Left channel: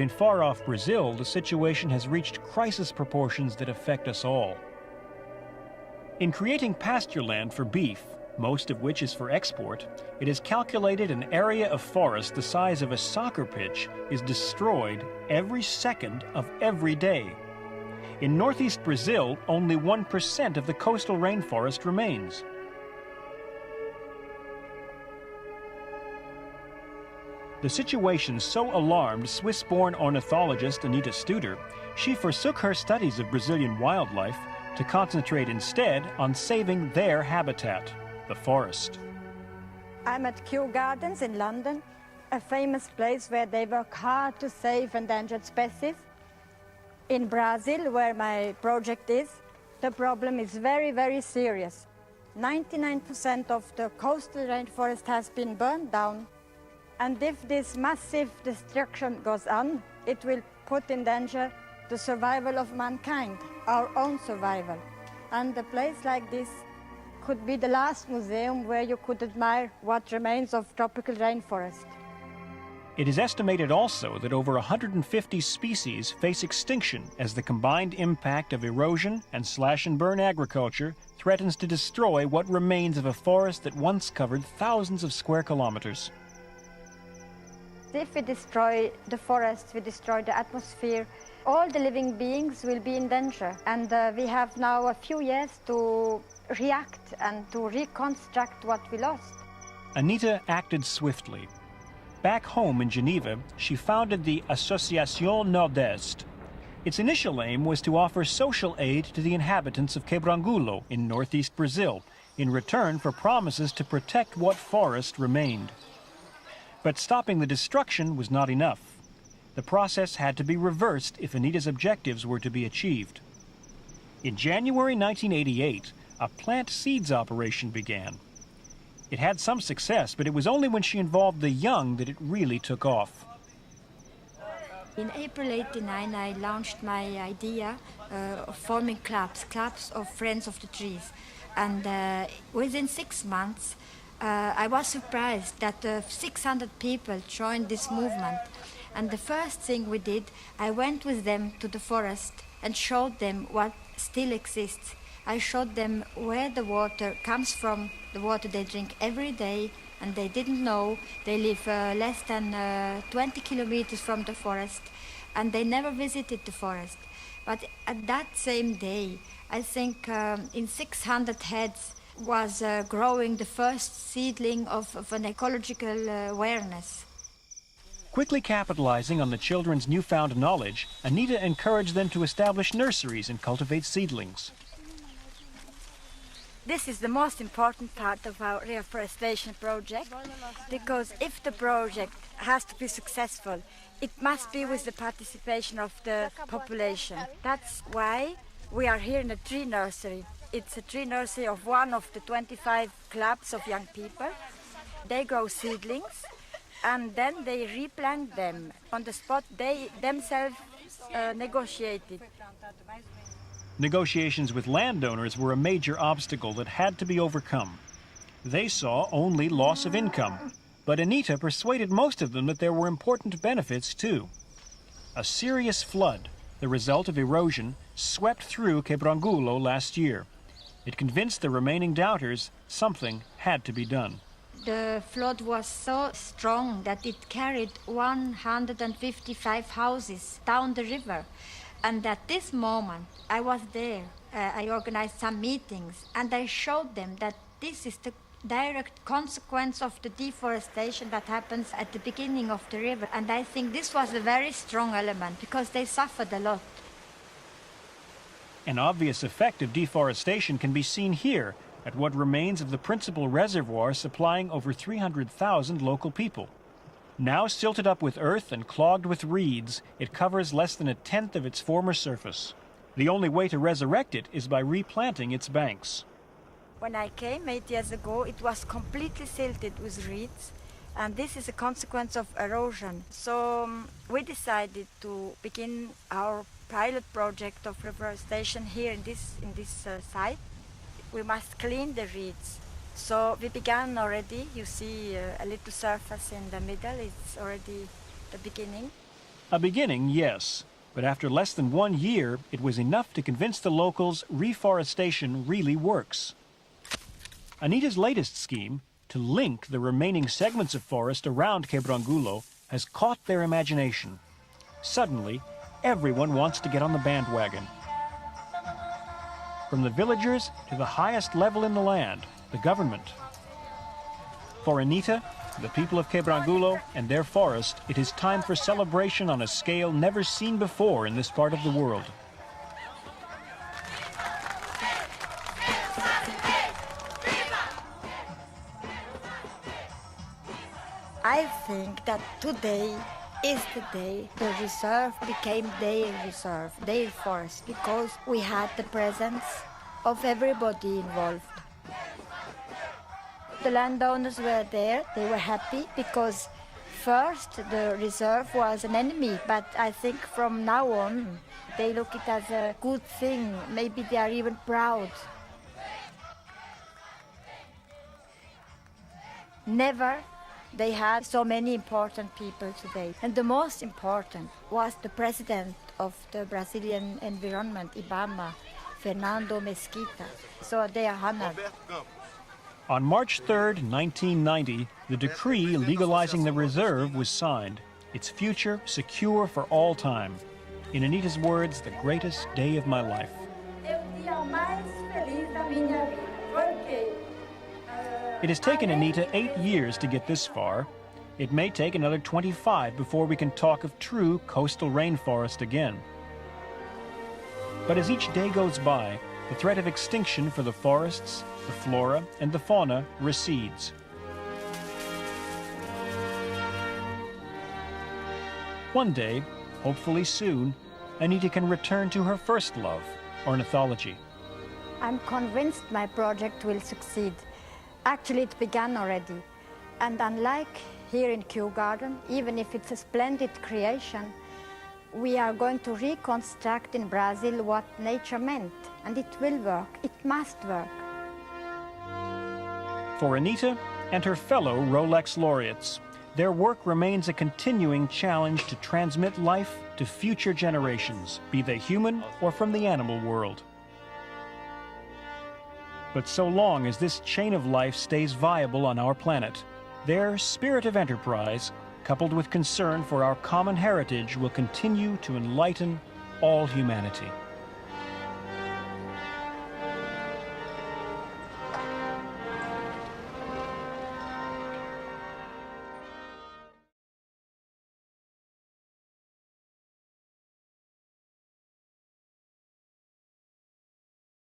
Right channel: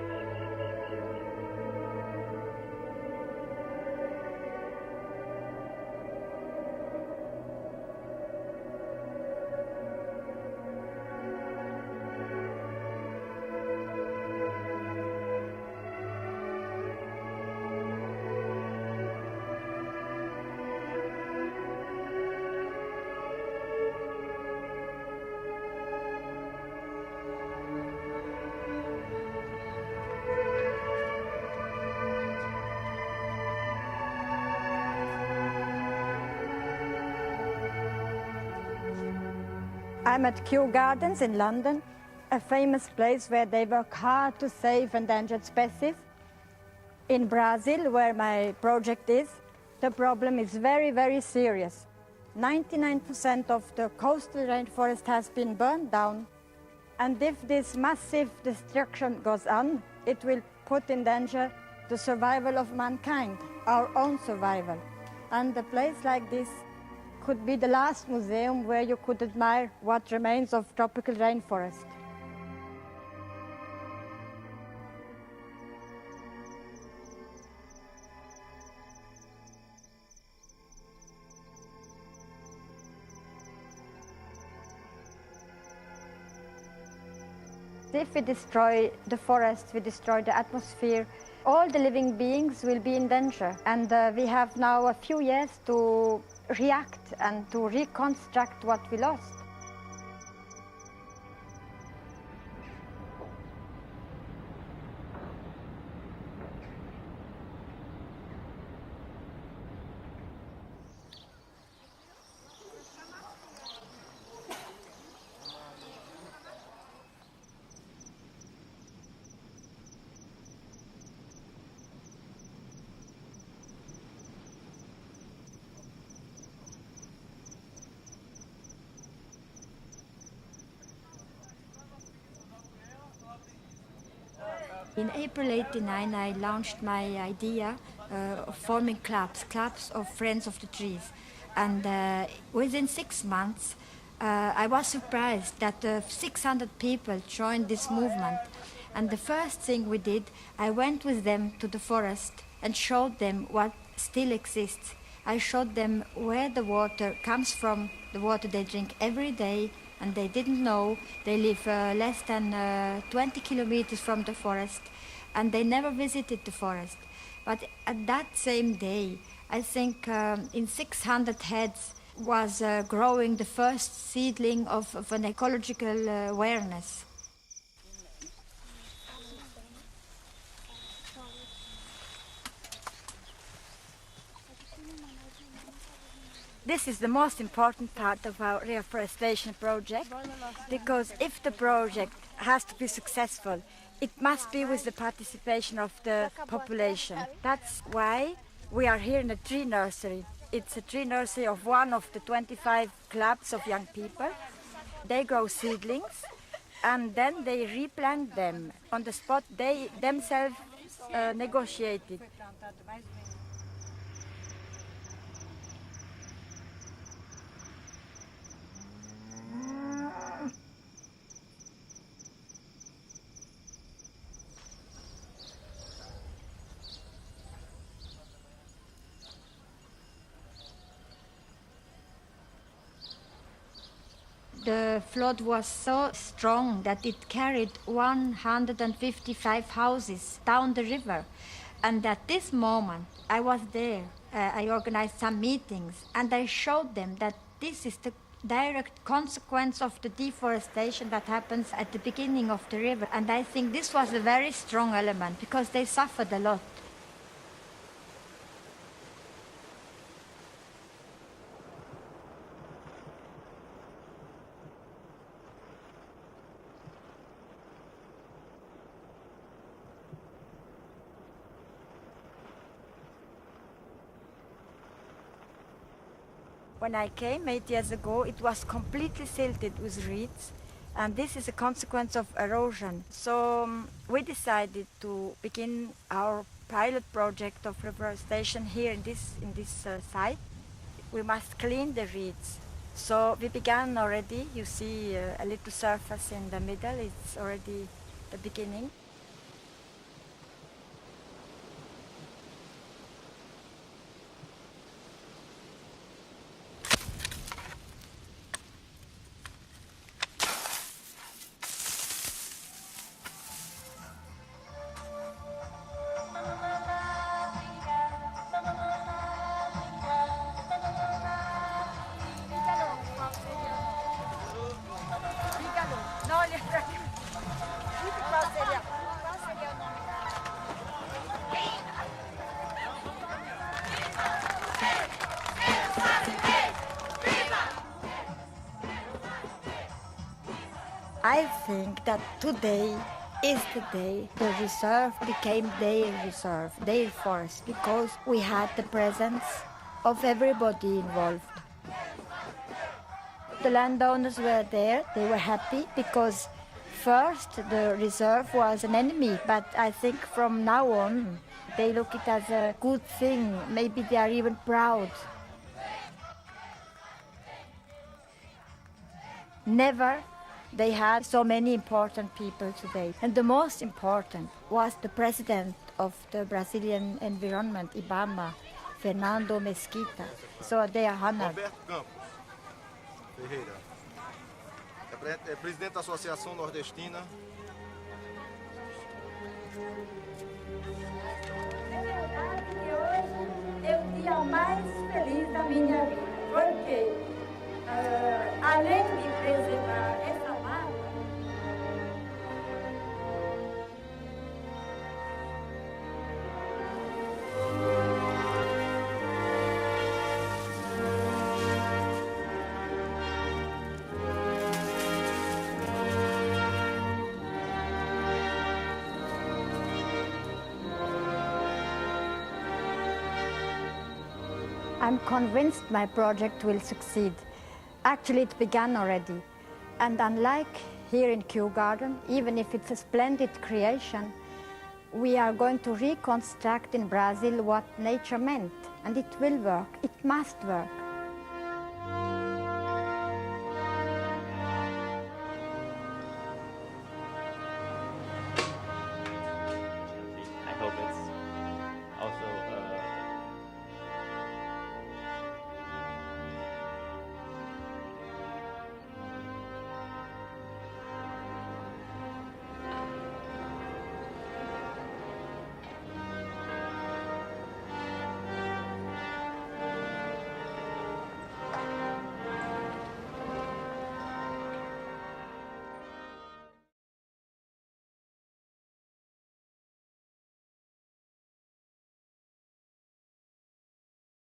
In far-off Brazil, the situation has reached crisis proportions that affect us all. In creating pasture land for beef, most of which is for export, it is calculated an area of forest the size of a soccer pitch is destroyed every second of every day. In northeast Brazil, only 1% of the coastal rainforest remains. The situation so alarmed Swiss-born ornithologist Anita Studer, she forsook her studies of Brazilian wildlife to concentrate instead on saving their habitat, the forest. I'm at Kew Gardens in London, a famous place where they work hard to save endangered species. In Brazil, where my project is, the problem is very, very serious. 99% of the coastal rainforest has been burned down. And if this massive destruction goes on, it will put in danger the survival of mankind, our own survival. And a place like this could be the last museum where you could admire what remains of tropical rainforest. It is estimated also that over 150 species face extinction as the combined impact of erosion and slash-and-burn agriculture threatens to destroy what remains of a forest that once covered thousands of square kilometers. If we destroy the forests, we destroy the atmosphere, all the living beings will be in danger. And we have now a few years to react and to reconstruct what we lost. Anita acted swiftly. Back home in Geneva, she founded the Association Nord-Est. Its initial aim was to offer social aid to the inhabitants of Quebrangulo in northeast Brazil, in return for promises to protect what forest remained. But stopping the destruction was not enough. The process had to be reversed if Anita's objectives were to be achieved. In January 1988, a plant seeds operation began. It had some success, but it was only when she involved the young that it really took off. In April '89, I launched my idea of forming clubs of friends of the trees. And within 6 months, I was surprised that 600 people joined this movement. And the first thing we did, I went with them to the forest and showed them what still exists. I showed them where the water comes from, the water they drink every day, and they didn't know. They live less than 20 kilometers from the forest, and they never visited the forest. But at that same day, I think in 600 heads, was growing the first seedling of an ecological awareness. Quickly capitalizing on the children's newfound knowledge, Anita encouraged them to establish nurseries and cultivate seedlings. This is the most important part of our reforestation project, because if the project has to be successful, it must be with the participation of the population. That's why we are here in a tree nursery. It's a tree nursery of one of the 25 clubs of young people. They grow seedlings and then they replant them on the spot. They themselves negotiate it. Negotiations with landowners were a major obstacle that had to be overcome. They saw only loss of income, but Anita persuaded most of them that there were important benefits too. A serious flood, the result of erosion, swept through Quebrangulo last year. It convinced the remaining doubters something had to be done. The flood was so strong that it carried 155 houses down the river. And at this moment, I was there. I organized some meetings and I showed them that this is the direct consequence of the deforestation that happens at the beginning of the river. And I think this was a very strong element because they suffered a lot. An obvious effect of deforestation can be seen here at what remains of the principal reservoir supplying over 300,000 local people. Now silted up with earth and clogged with reeds, it covers less than 1/10 of its former surface. The only way to resurrect it is by replanting its banks. When I came 8 years ago, it was completely silted with reeds, and this is a consequence of erosion. So we decided to begin our pilot project of reforestation here in this site. We must clean the reeds. So we began already. You see a little surface in the middle. It's already the beginning. A beginning, yes, but after less than 1 year, it was enough to convince the locals reforestation really works. Anita's latest scheme, to link the remaining segments of forest around Quebrangulo, has caught their imagination. Suddenly, everyone wants to get on the bandwagon. From the villagers to the highest level in the land, the government. For Anita, the people of Quebrangulo, and their forest, it is time for celebration on a scale never seen before in this part of the world. I think that today is the day the reserve became their reserve, their forest, because we had the presence of everybody involved. The landowners were there, they were happy because first the reserve was an enemy, but I think from now on they look it as a good thing, maybe they are even proud. Never they had so many important people today. And the most important was the president of the Brazilian environment, IBAMA, Fernando Mesquita. So they are honored. On March 3, 1990, the decree legalizing the reserve was signed, its future secure for all time. In Anita's words, the greatest day of my life. It has taken Anita 8 years to get this far. It may take another 25 before we can talk of true coastal rainforest again. But as each day goes by, the threat of extinction for the forests, the flora, and the fauna recedes. One day, hopefully soon, Anita can return to her first love, ornithology. I'm convinced my project will succeed. Actually, it began already. And unlike here in Kew Garden, even if it's a splendid creation, we are going to reconstruct in Brazil what nature meant. And it will work. It must work. For Anita and her fellow Rolex Laureates, their work remains a continuing challenge to transmit life to future generations, be they human or from the animal world. But so long as this chain of life stays viable on our planet, their spirit of enterprise, coupled with concern for our common heritage, will continue to enlighten all humanity.